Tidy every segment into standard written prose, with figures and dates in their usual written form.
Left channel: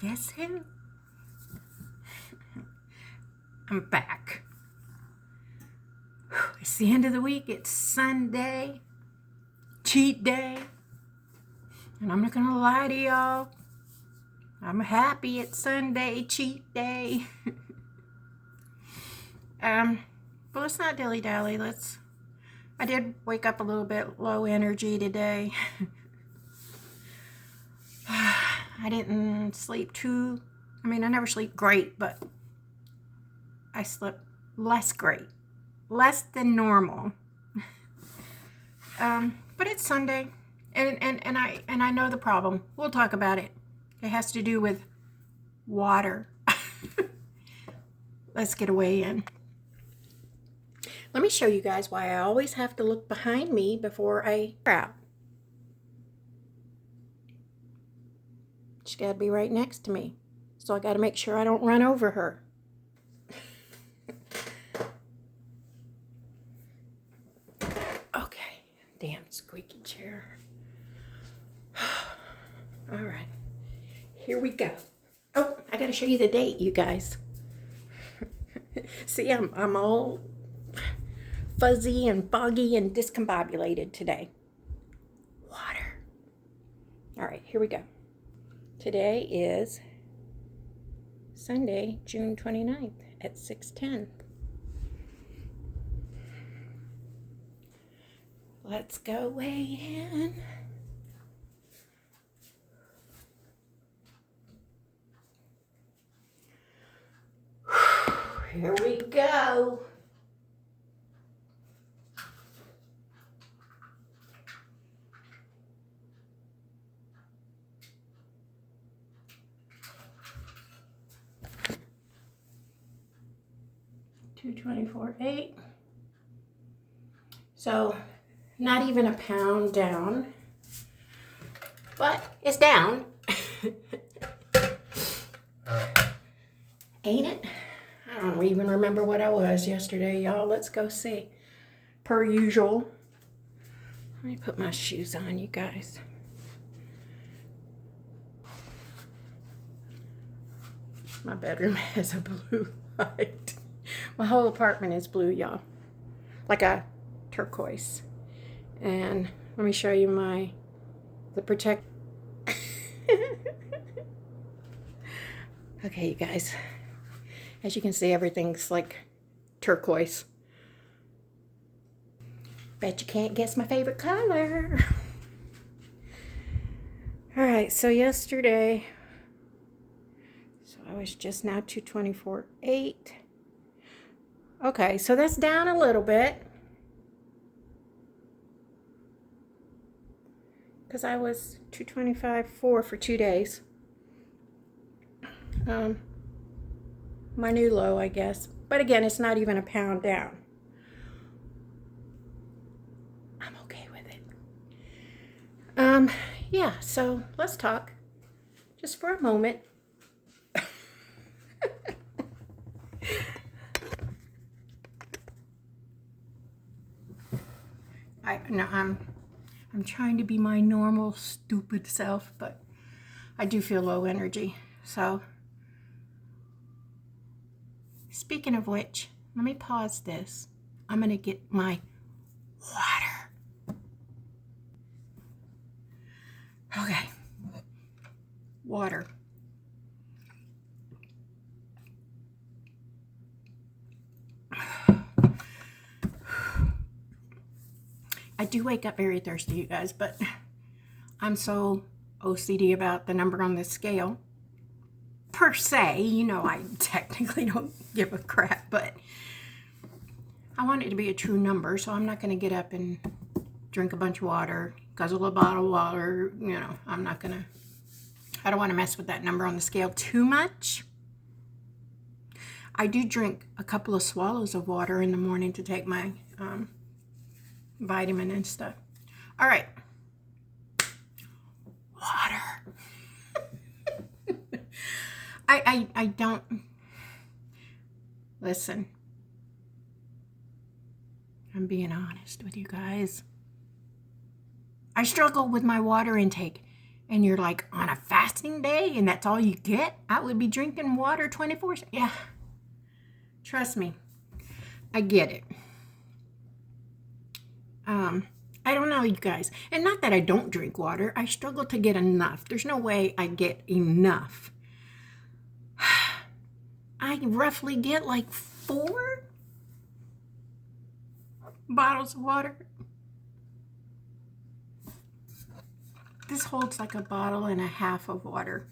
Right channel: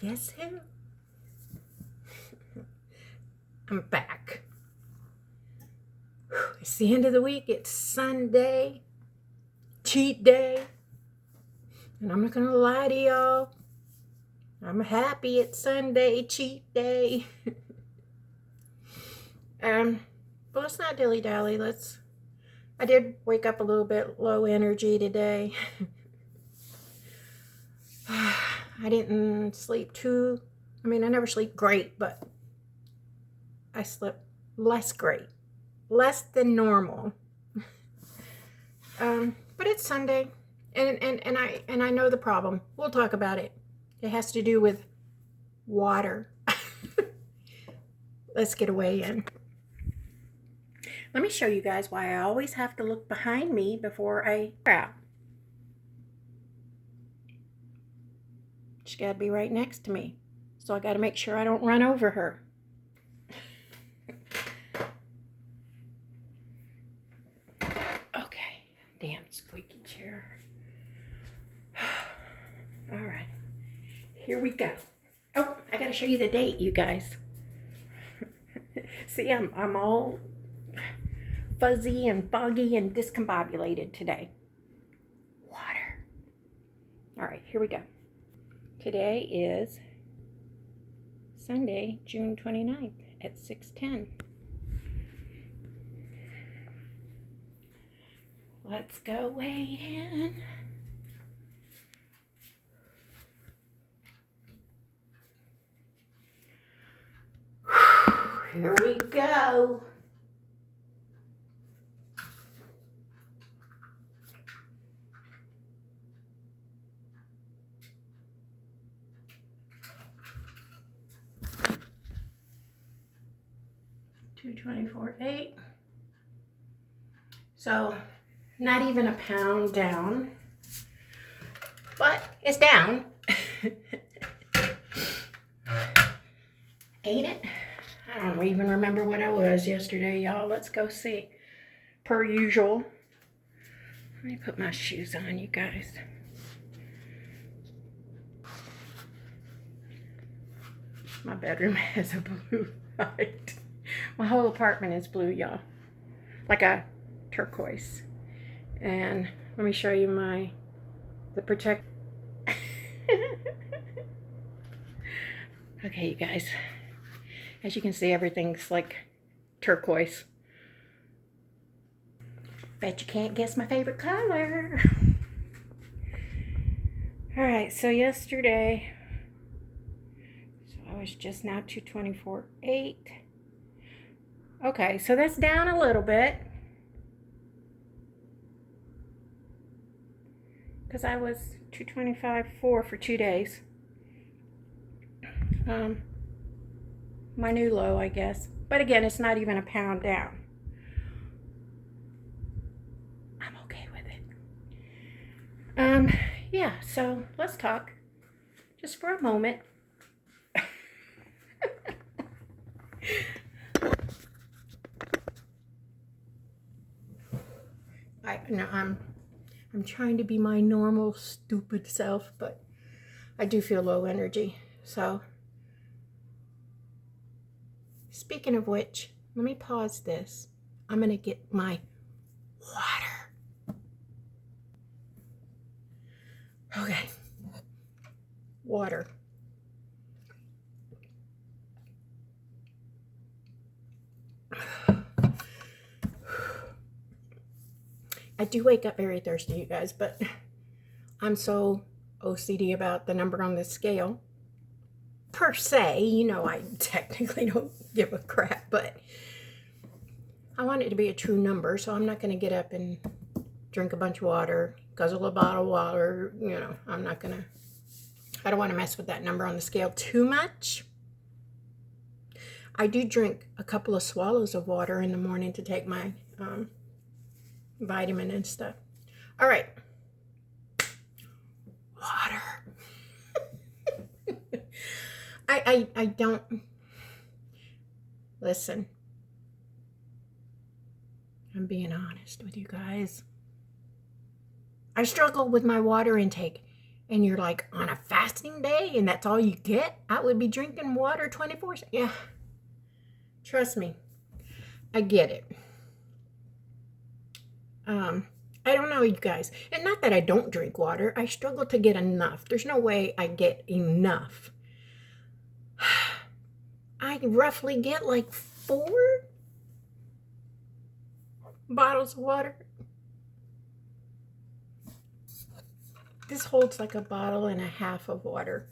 Guess who? I'm back. It's the end of the week. It's Sunday, cheat day. And I'm not going to lie to y'all. I'm happy it's Sunday, cheat day. But let's not dilly-dally. I did wake up a little bit low energy today. I didn't sleep I never sleep great, but I slept less great. Less than normal. But it's Sunday, and I know the problem. We'll talk about it. It has to do with water. Let's get away in. Let me show you guys why I always have to look behind me before I out. She's got to be right next to me, so I got to make sure I don't run over her. Okay, damn squeaky chair. All right, here we go. Oh, I got to show you the date, you guys. See, I'm all fuzzy and foggy and discombobulated today. Water. All right, here we go. Today is Sunday, June 29th at 6:10. Let's go weigh in. Here we go. $224.8. So not even a pound down, but it's down. Ain't it? I don't even remember what I was yesterday, y'all. Let's go see. Per usual. Let me put my shoes on, you guys. My bedroom has a blue light. My whole apartment is blue, y'all. Like a turquoise. And let me show you the protect. Okay, you guys. As you can see, everything's like turquoise. Bet you can't guess my favorite color. All right, so yesterday, I was just now 224.8. Okay, so that's down a little bit. Because I was 225.4 for 2 days. My new low, I guess. But again, it's not even a pound down. I'm okay with it. Yeah, so let's talk just for a moment. I'm trying to be my normal stupid self, but I do feel low energy. So, speaking of which, let me pause this. I'm going to get my water. Okay. Water. I do wake up very thirsty, you guys, but I'm so OCD about the number on the scale. Per se, you know, I technically don't give a crap, but I want it to be a true number, so I'm not going to get up and drink a bunch of water, guzzle a bottle of water, you know, I don't want to mess with that number on the scale too much. I do drink a couple of swallows of water in the morning to take my vitamin and stuff. All right. Water. I don't... Listen. I'm being honest with you guys. I struggle with my water intake. and you're like on a fasting day and that's all you get, I would be drinking water 24/7. Yeah, trust me, I get it. I don't know, you guys. And not that I don't drink water. I struggle to get enough. There's no way I get enough. I roughly get like 4 bottles of water. This holds like a bottle and a half of water.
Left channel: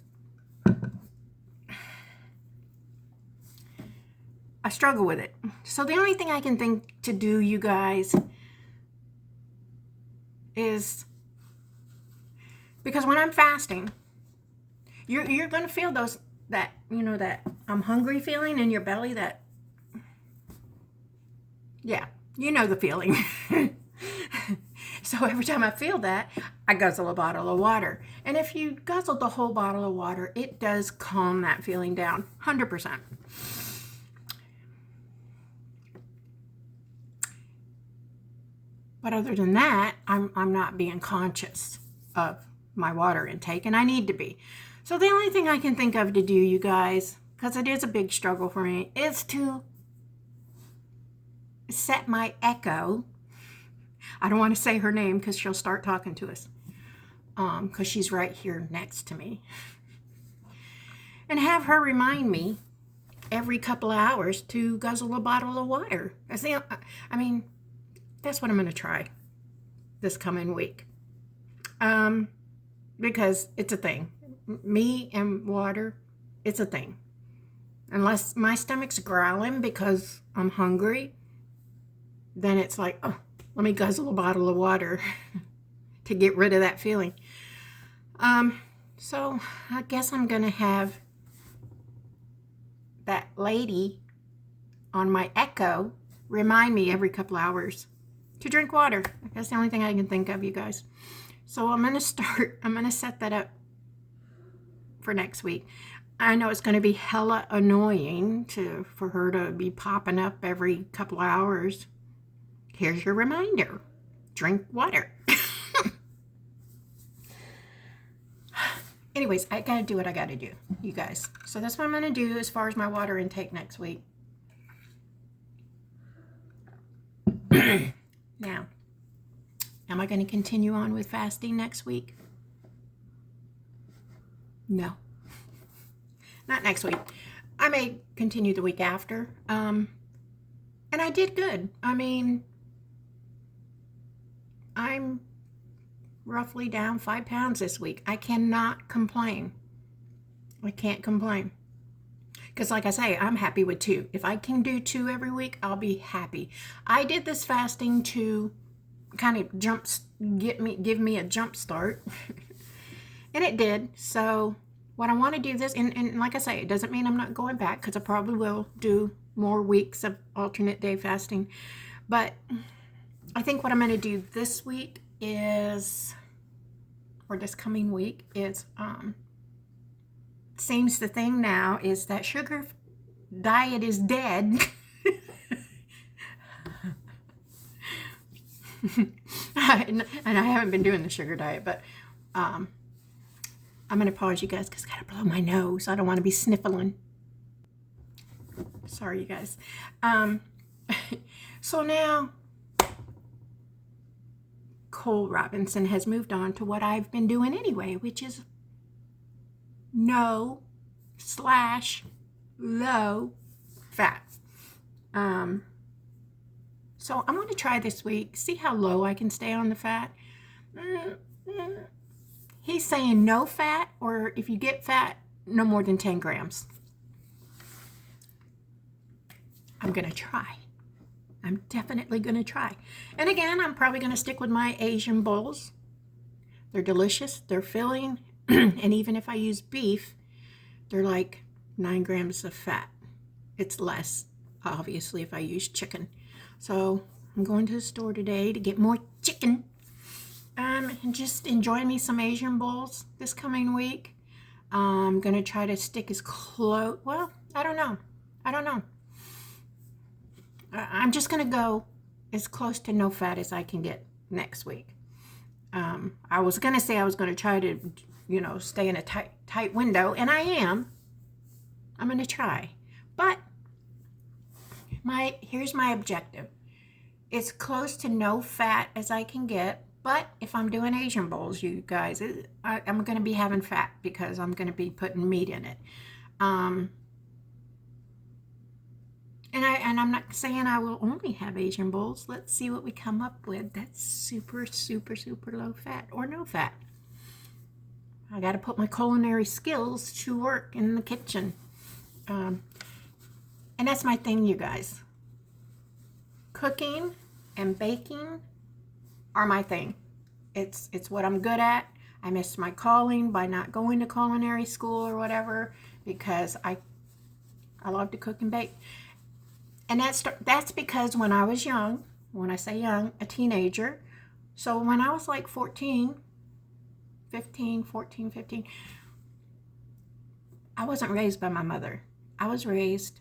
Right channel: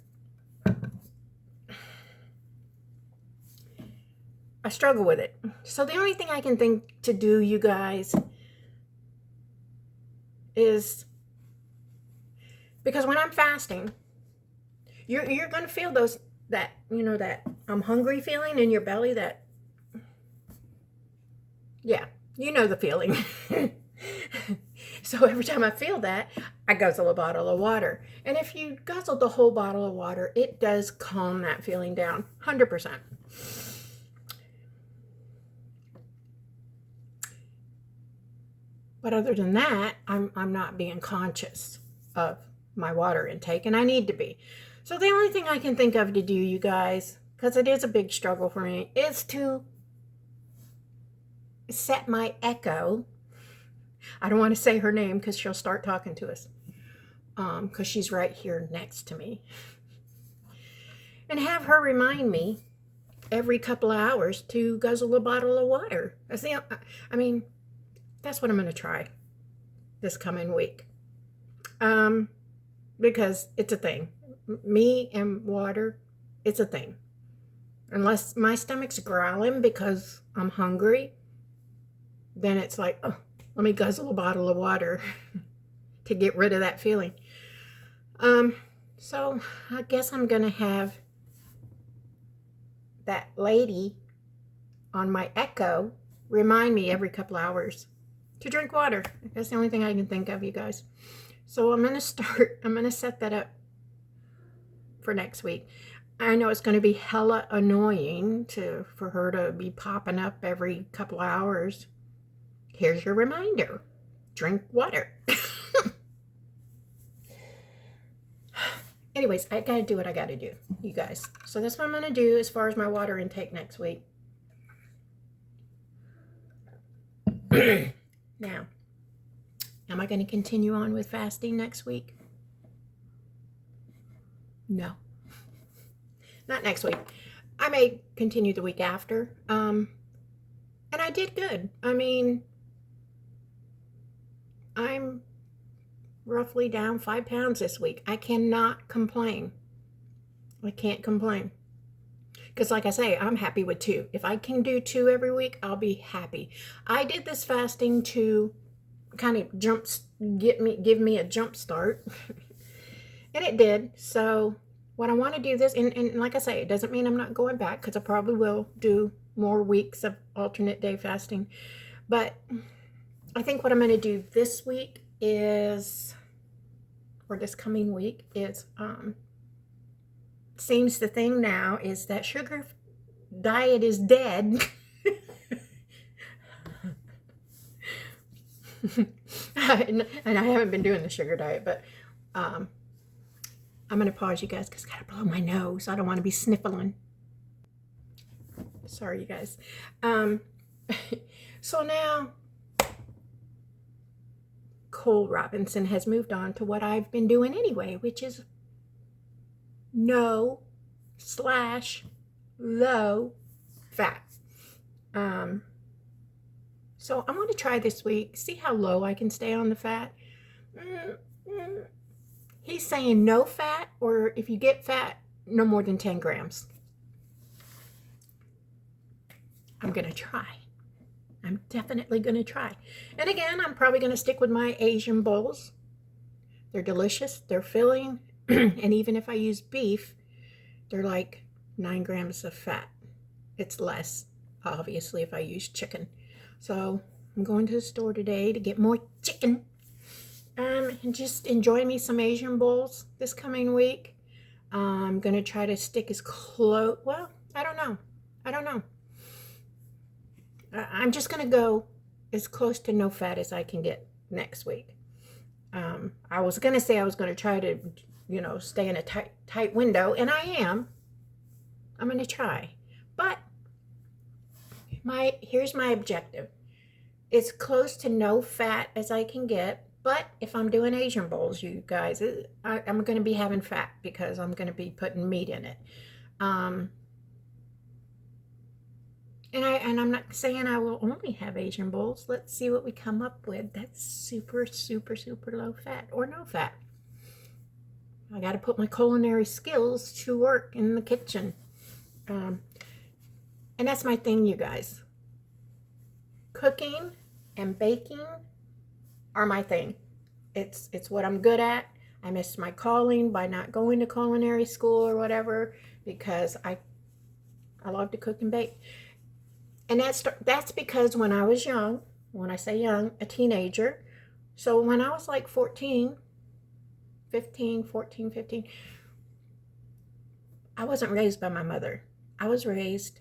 I struggle with it. So the only thing I can think to do, you guys, is, because when I'm fasting, you're going to feel that I'm hungry feeling in your belly, that, yeah, you know the feeling. So every time I feel that, I guzzle a bottle of water. And if you guzzle the whole bottle of water, it does calm that feeling down, 100%. But other than that, I'm not being conscious of my water intake, and I need to be. So the only thing I can think of to do, you guys, because it is a big struggle for me, is to set my Echo. I don't want to say her name because she'll start talking to us, because she's right here next to me. And have her remind me every couple of hours to guzzle a bottle of water. I mean, that's what I'm going to try this coming week. Because it's a thing. Me and water, it's a thing. Unless my stomach's growling because I'm hungry, then it's like, oh, let me guzzle a bottle of water to get rid of that feeling. So I guess I'm going to have that lady on my Echo remind me every couple hours to drink water. That's the only thing I can think of, you guys. So I'm going to set that up for next week. I know it's going to be hella annoying for her to be popping up every couple of hours. Here's your reminder. Drink water. Anyways, I got to do what I got to do, you guys. So that's what I'm going to do as far as my water intake next week. Now, am I going to continue on with fasting next week? No. Not next week. I may continue the week after. And I did good. I mean, I'm roughly down 5 pounds this week. I cannot complain. I can't complain. Because like I say, I'm happy with 2. If I can do 2 every week, I'll be happy. I did this fasting to kind of give me a jump start. And it did. So what I want to do this, and like I say, it doesn't mean I'm not going back, because I probably will do more weeks of alternate day fasting. But I think what I'm going to do this week is, or this coming week, is seems the thing now is that sugar diet is dead. And I haven't been doing the sugar diet, but I'm going to pause, you guys, because I got to blow my nose. I don't want to be sniffling. Sorry, you guys. So now Cole Robinson has moved on to what I've been doing anyway, which is no/low fat. So I'm going to try this week, see how low I can stay on the fat. He's saying no fat, or if you get fat, no more than 10 grams. I'm going to try. I'm definitely going to try. And again, I'm probably going to stick with my Asian bowls. They're delicious. They're filling. And even if I use beef, they're like 9 grams of fat. It's less, obviously, if I use chicken. So I'm going to the store today to get more chicken. And just enjoy me some Asian bowls this coming week. I'm going to try to stick as close. Well, I don't know. I'm just going to go as close to no fat as I can get next week. I was going to say I was going to try to you know, stay in a tight window, and I am. I'm going to try. But here's my objective. It's close to no fat as I can get, but if I'm doing Asian bowls, you guys, I'm going to be having fat because I'm going to be putting meat in it. And I'm not saying I will only have Asian bowls. Let's see what we come up with. That's super, super, super low fat or no fat. I got to put my culinary skills to work in the kitchen. And that's my thing, you guys. Cooking and baking are my thing. It's what I'm good at. I missed my calling by not going to culinary school or whatever because I love to cook and bake. And that's because when I was young, when I say young, a teenager, so when I was like 14, 15, I wasn't raised by my mother. I was raised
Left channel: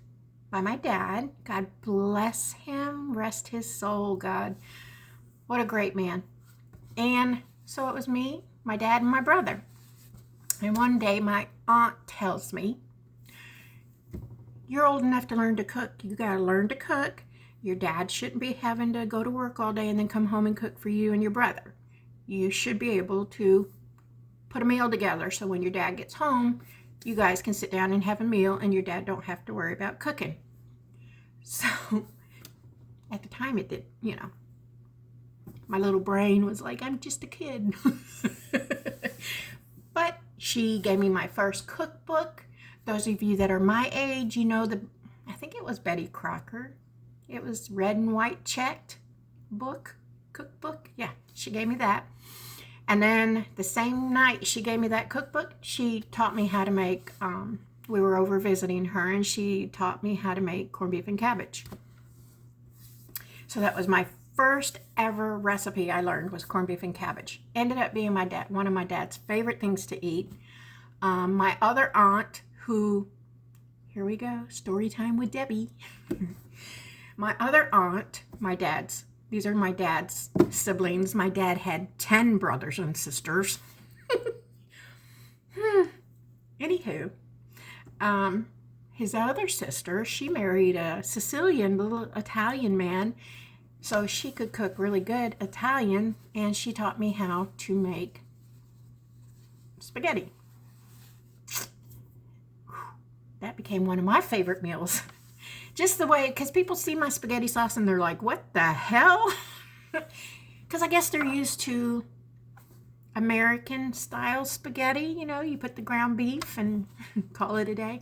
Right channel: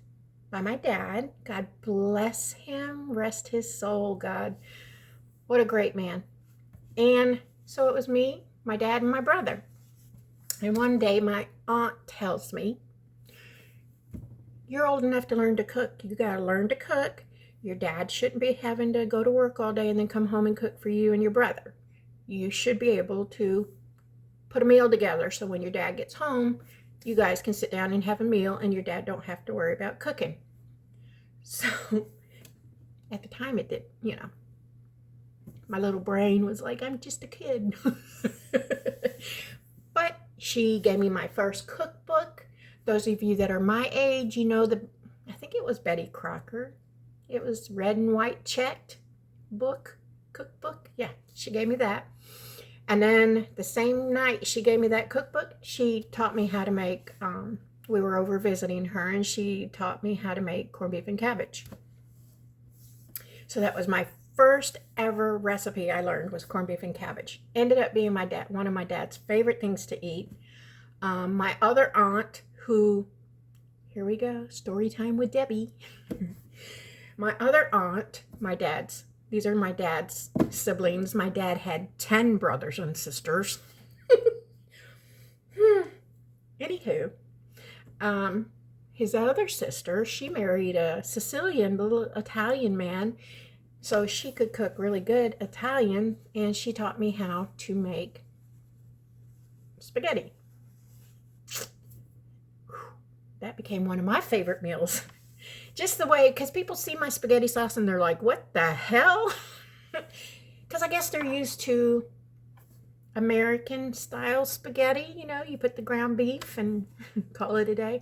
by my dad. God bless him, rest his soul, God. What a great man. And so it was me, my dad, and my brother. And one day my aunt tells me, you're old enough to learn to cook. You got to learn to cook. Your dad shouldn't be having to go to work all day and then come home and cook for you and your brother. You should be able to put a meal together so when your dad gets home, you guys can sit down and have a meal and your dad don't have to worry about cooking. So at the time it did, you know, my little brain was like, I'm just a kid. But she gave me my first cookbook. Those of you that are my age, you know, I think it was Betty Crocker. It was red and white checked cookbook. Yeah, she gave me that. And then the same night she gave me that cookbook, she taught me how to make, we were over visiting her, and she taught me how to make corned beef and cabbage. So that was my first ever recipe I learned, was corned beef and cabbage. Ended up being one of my dad's favorite things to eat. My other aunt, who, here we go, story time with Debbie. My other aunt, these are my dad's siblings. My dad had 10 brothers and sisters. Anywho, his other sister, she married a Sicilian little Italian man, so she could cook really good Italian, and she taught me how to make spaghetti. That became one of my favorite meals. Just the way, because people see my spaghetti sauce and they're like, what the hell? Because I guess they're used to American style spaghetti. You know, you put the ground beef and call it a day.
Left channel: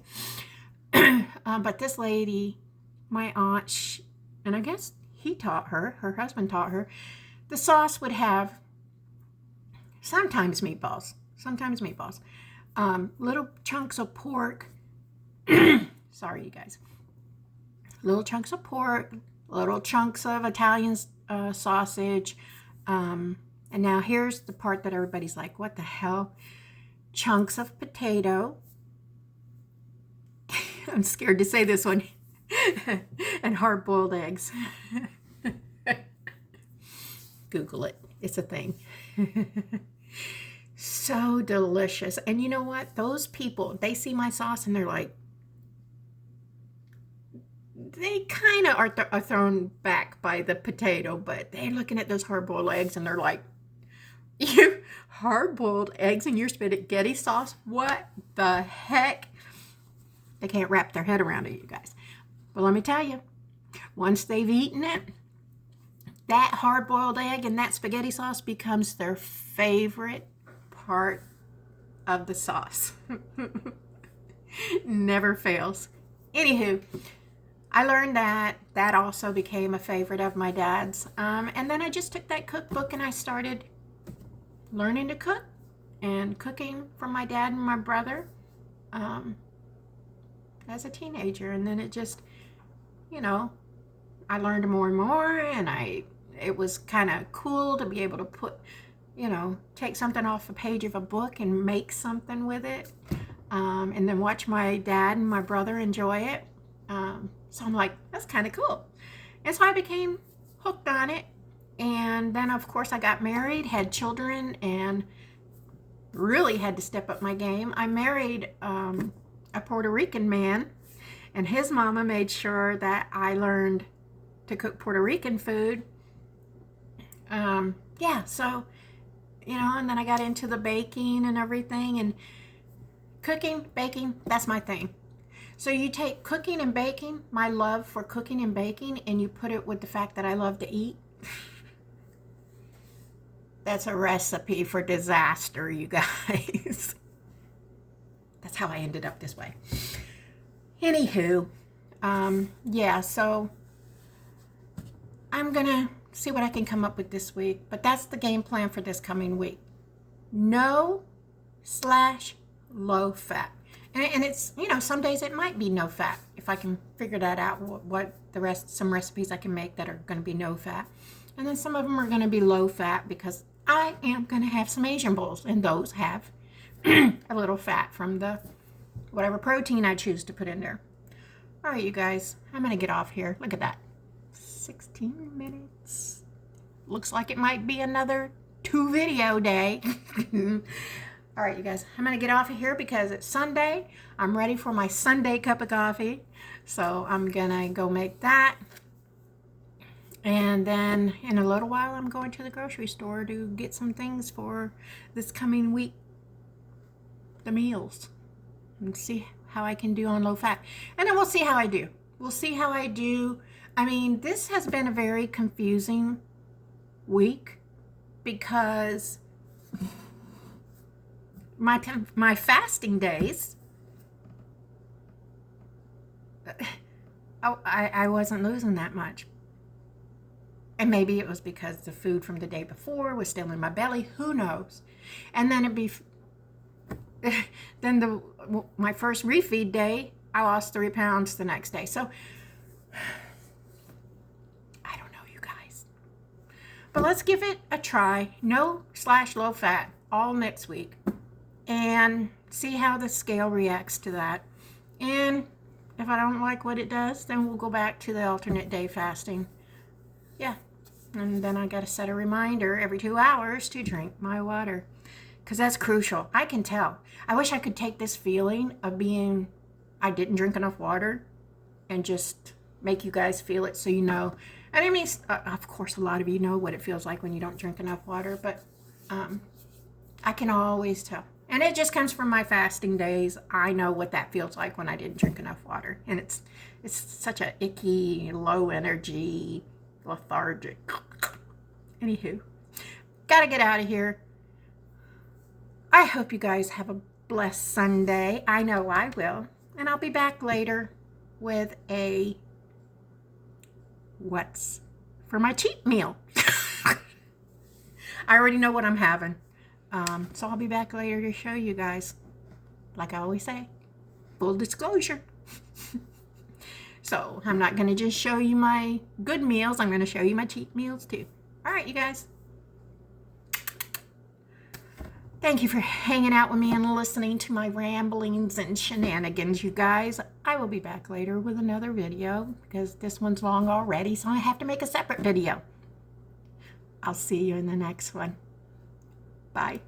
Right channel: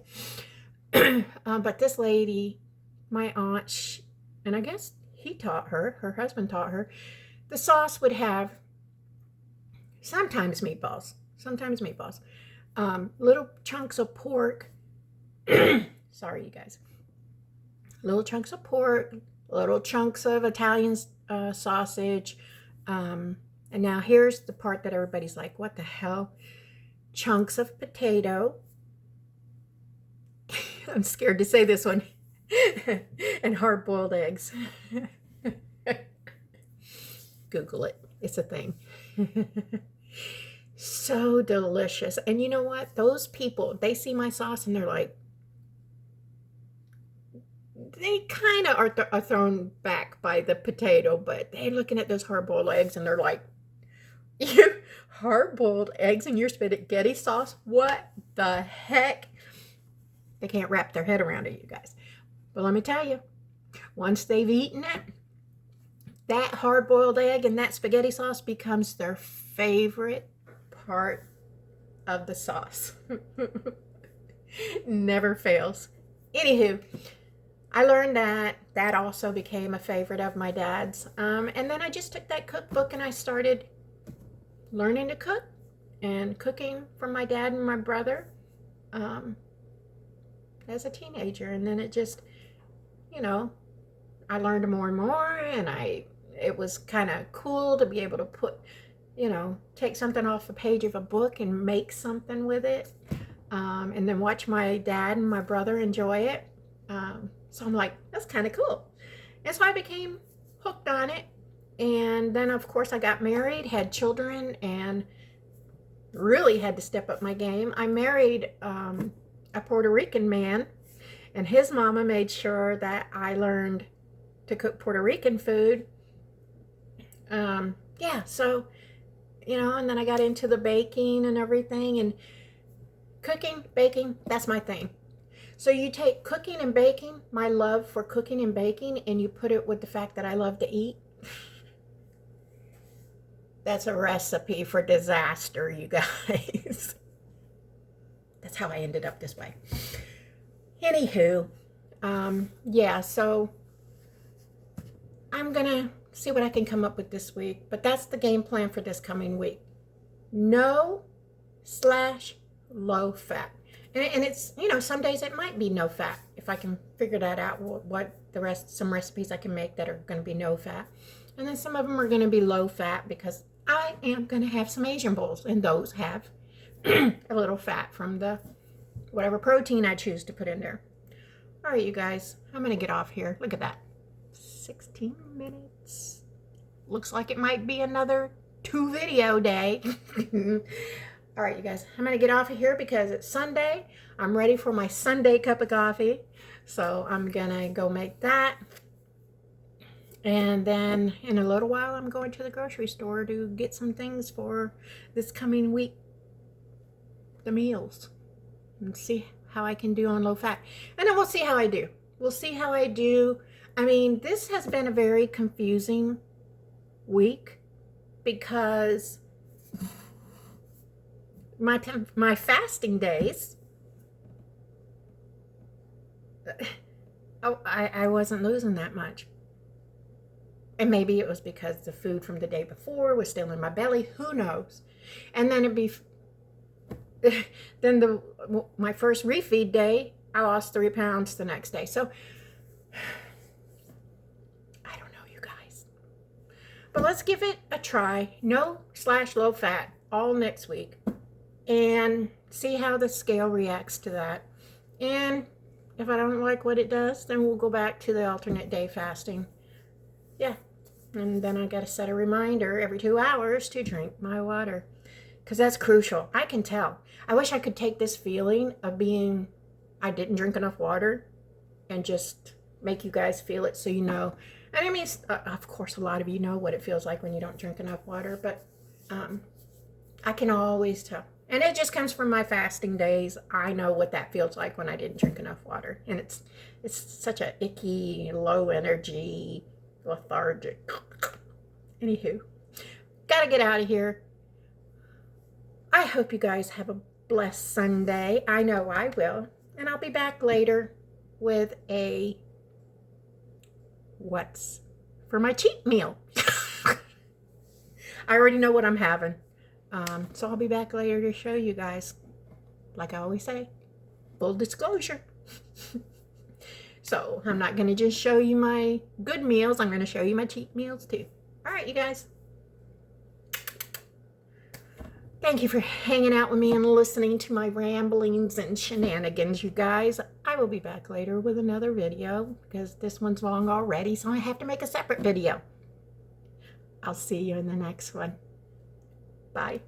But this lady, my aunt, and I guess he taught her, her husband taught her, the sauce would have sometimes meatballs, little chunks of pork. Sorry, you guys. Little chunks of pork, little chunks of Italian sausage. And now here's the part that everybody's like, what the hell? Chunks of potato. I'm scared to say this one. And hard-boiled eggs. Google it. It's a thing. So delicious. And you know what? Those people, they see my sauce and they're like, they kind of are thrown back by the potato, but they're looking at those hard-boiled eggs and they're like, you hard-boiled eggs in your spaghetti sauce? What the heck? They can't wrap their head around it, you guys. But let me tell you, once they've eaten it, that hard-boiled egg and that spaghetti sauce becomes their favorite part of the sauce. Never fails. Anywho, I learned that also became a favorite of my dad's. And then I just took that cookbook and I started learning to cook and cooking from my dad and my brother as a teenager. And then it just, you know, I learned more and more, and it was kind of cool to be able to put, you know, take something off a page of a book and make something with it. And then watch my dad and my brother enjoy it. So I'm like, that's kind of cool. And so I became hooked on it. And then, of course, I got married, had children, and really had to step up my game. I married a Puerto Rican man, and his mama made sure that I learned to cook Puerto Rican food. Yeah, so, you know, and then I got into the baking and everything, and cooking, baking, that's my thing. So you take cooking and baking, my love for cooking and baking, and you put it with the fact that I love to eat. That's a recipe for disaster, you guys. That's how I ended up this way. Anywho, yeah, so I'm gonna see what I can come up with this week, but that's the game plan for this coming week. No/low fat. And it's, you know, some days it might be no fat. If I can figure that out, some recipes I can make that are going to be no fat. And then some of them are going to be low fat because I am going to have some Asian bowls, and those have a little fat from the whatever protein I choose to put in there. All right, you guys, I'm going to get off here. Look at that. 16 minutes. Looks like it might be another 2 video day. All right, you guys, I'm going to get off of here because it's Sunday. I'm ready for my Sunday cup of coffee. So I'm going to go make that. And then in a little while, I'm going to the grocery store to get some things for this coming week, the meals, and see how I can do on low fat. And then we'll see how I do. We'll see how I do. I mean, this has been a very confusing week because my fasting days, I wasn't losing that much. And maybe it was because the food from the day before was still in my belly. Who knows? And then my first refeed day, I lost 3 pounds the next day. So I don't know, you guys. But let's give it a try. No/low fat all next week. And see how the scale reacts to that. And if I don't like what it does, then we'll go back to the alternate day fasting. Yeah, and then I got to set a reminder every 2 hours to drink my water, because that's crucial. I can tell. I wish I could take this feeling of being I didn't drink enough water and just make you guys feel it so you know. And I mean, of course, a lot of you know what it feels like when you don't drink enough water, but I can always tell. And it just comes from my fasting days. I know what that feels like when I didn't drink enough water. And it's such a icky, low energy, lethargic. Anywho, gotta get out of here. I hope you guys have a blessed Sunday. I know I will. And I'll be back later with a what's for my cheat meal. I already know what I'm having. So I'll be back later to show you guys. Like I always say, full disclosure. So I'm not going to just show you my good meals. I'm going to show you my cheat meals too. All right, you guys. Thank you for hanging out with me and listening to my ramblings and shenanigans, you guys. I will be back later with another video because this one's long already, so I have to make a separate video. I'll see you in the next one. Bye.